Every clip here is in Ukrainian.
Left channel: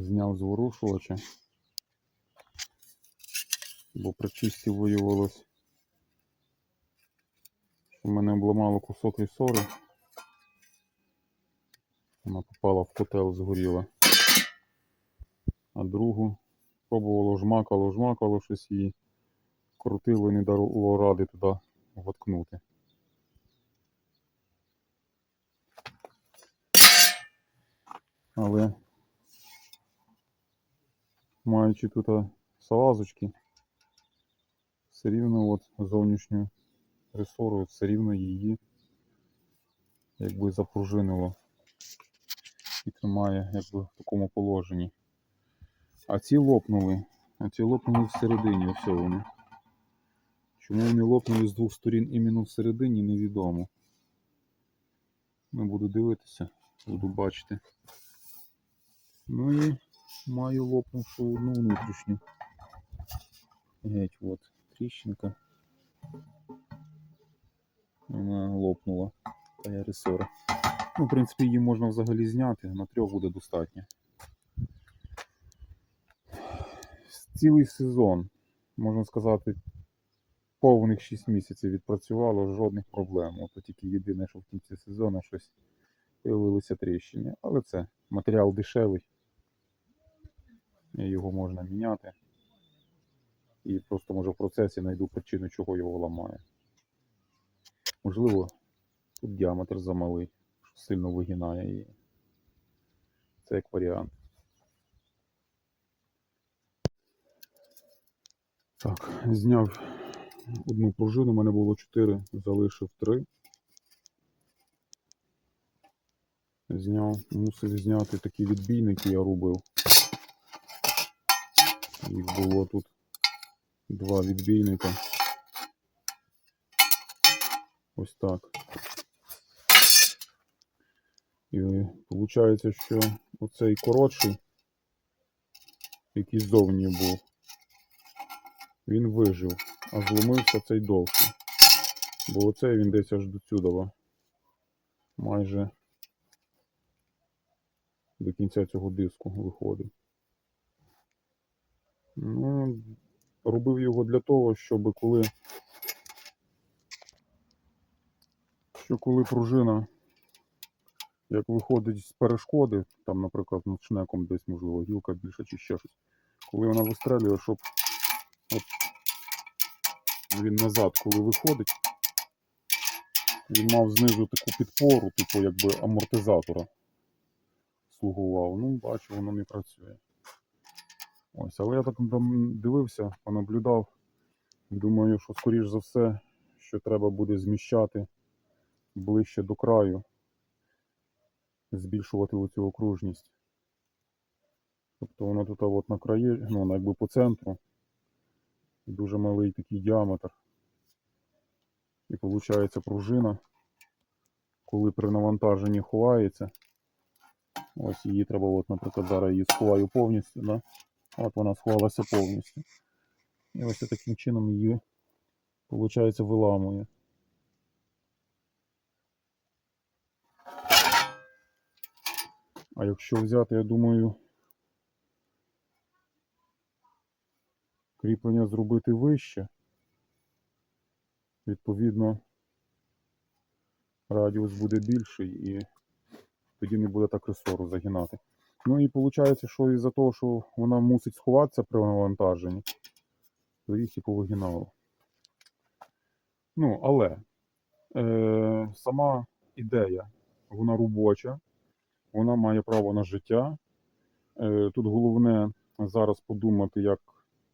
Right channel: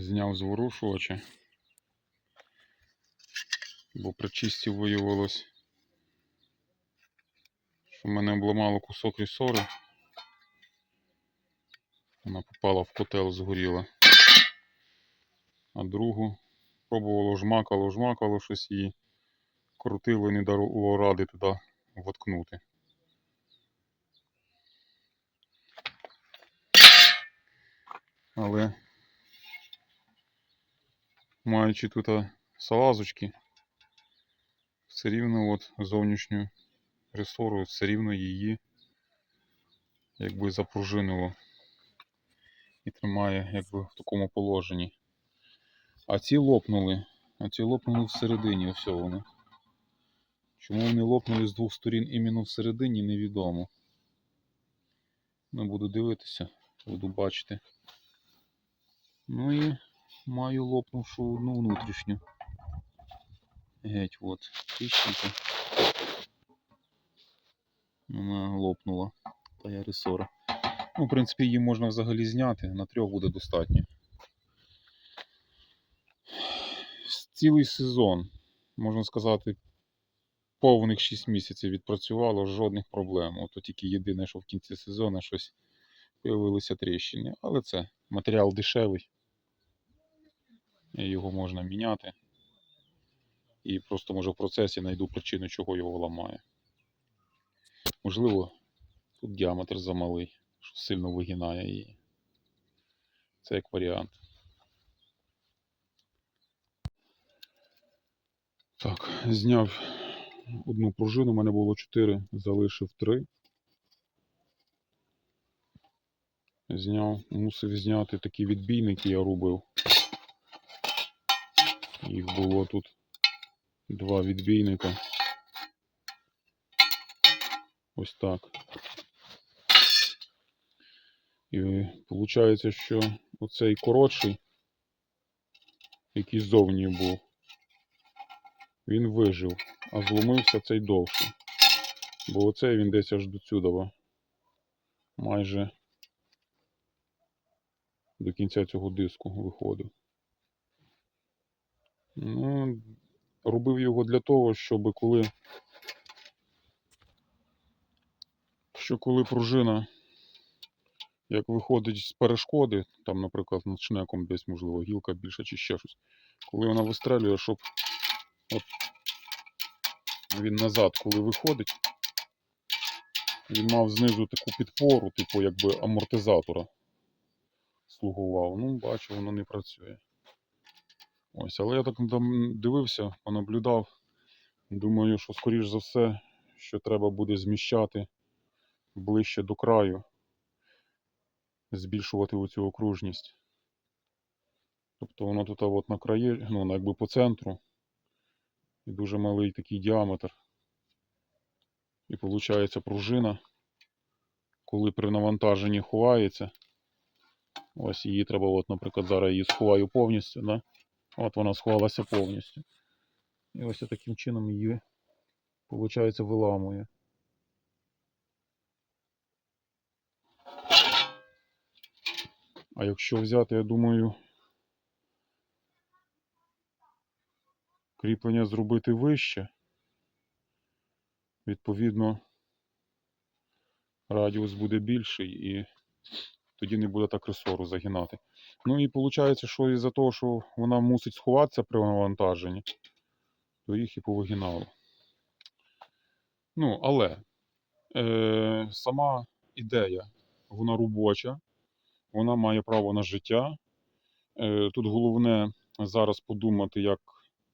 Зняв зворушувача. Бо при чисті виявилось, що в мене обламало кусок рісори. Вона попала в котел, згоріла. А другу пробувало жмакало, жмакало щось і крутило і не дало ради туди воткнути. Але маючи тут салазочки, все рівно от зовнішню ресору, все рівно її якби запружинило і тримає якби в такому положенні. А ці лопнули, а ці лопнули всередині, ось вони. Чому вони лопнули з двох сторін іменно всередині, невідомо. Ну, буду дивитися, буду бачити. Ну і маю лопнувшу одну внутрішню. Геть от, тріщинка. Вона лопнула. Та я ресора. Ну, в принципі, її можна взагалі зняти, на трьох буде достатньо. Цілий сезон, можна сказати, повних 6 місяців відпрацювало, жодних проблем. Ото тільки єдине, що в кінці сезону щось появилися тріщини. Але це матеріал дешевий. Його можна міняти. І просто може в процесі знайду причину, чого його ламає. Можливо, тут діаметр замалий, що сильно вигинає її. Це як варіант. Так, зняв одну пружину, у мене було 4, залишив 3. Зняв, мусив зняти такі відбійники, я робив. Було тут два відбійника. Ось так. І виходить, що оцей коротший, який ззовні був, він вижив, а зломився цей довший. Бо оцей він десь аж до цюдова. Майже до кінця цього диску виходив. Ну, робив його для того, щоб коли. Що коли пружина як виходить з перешкоди, там, наприклад, над шнеком десь, можливо, гілка більша чи ще щось. Коли вона вистрелює, щоб от він назад, коли виходить, він мав знизу таку підпору, типу якби амортизатора слугував. Ну, бачу, воно не працює. Ось, але я так дивився, понаблюдав. Думаю, що скоріш за все, що треба буде зміщати ближче до краю, збільшувати оцю окружність. Тобто воно тут от на краї, ну, якби по центру. І дуже малий такий діаметр. І виходить пружина, коли при навантаженні ховається. Ось її треба, от, наприклад, зараз її сховаю повністю. Да? От вона сховалася повністю. І ось таким чином її, виходить, виламує. А якщо взяти, я думаю, кріплення зробити вище, відповідно, радіус буде більший і тоді не буде так ресору загинати. Ну і виходить, що із-за того, що вона мусить сховатися при навантаженні, то їх і повигинало. Ну, але е, сама ідея, вона робоча, вона має право на життя. Е, тут головне зараз подумати, як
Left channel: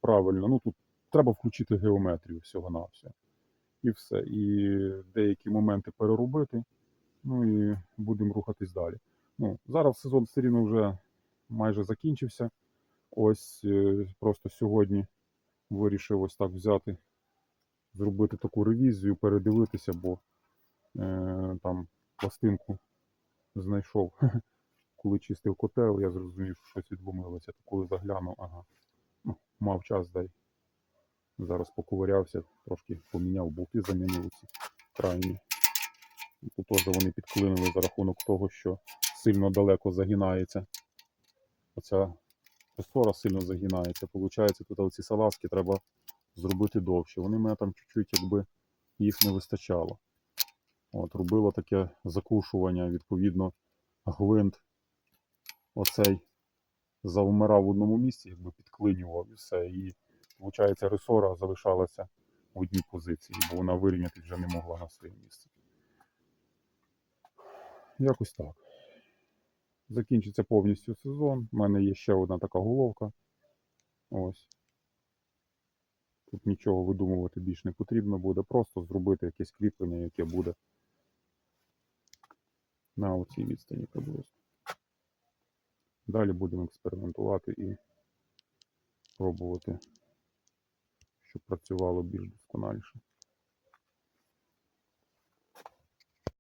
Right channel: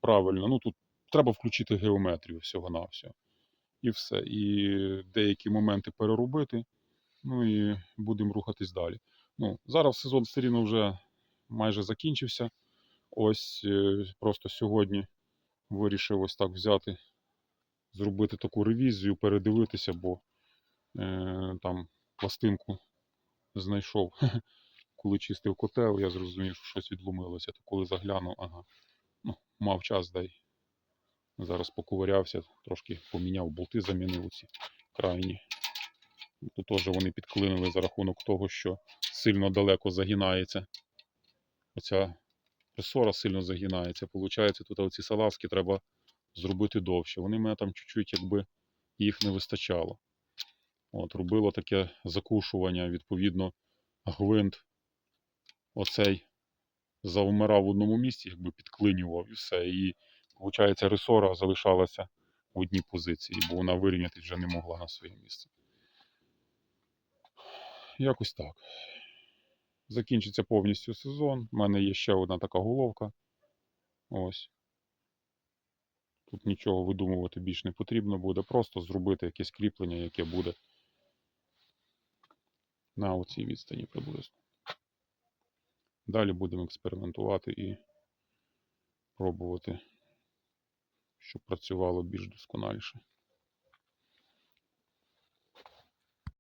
правильно. Ну, тут треба включити геометрію всього-навсього. І все. І деякі моменти переробити. Ну і будемо рухатись далі. Ну, Зараз сезон все рівно вже майже закінчився. Ось е, просто сьогодні вирішив ось так взяти, зробити таку ревізію, передивитися, бо е, там пластинку знайшов, коли чистив котел, я зрозумів, що щось відломилося. То коли заглянув, ага, ну, мав час дай. Зараз поковирявся, трошки поміняв болти, замінив ці крайні. Тут теж вони підклинили за рахунок того, що сильно далеко загинається оця ресора сильно загинається. Получається, тут оці салазки треба зробити довше. Вони мене там чуть-чуть, якби їх не вистачало. От, робило таке закушування, відповідно, гвинт оцей завмирав в одному місці, якби підклинював і все. І, виходить, ресора залишалася в одній позиції, бо вона вирівняти вже не могла на своє місце. Якось так. Закінчиться повністю сезон. У мене є ще одна така головка. Ось. Тут нічого видумувати більш не потрібно буде. Просто зробити якесь кріплення, яке буде на оцій відстані приблизно. Далі будемо експериментувати і пробувати, щоб працювало більш досконаліше.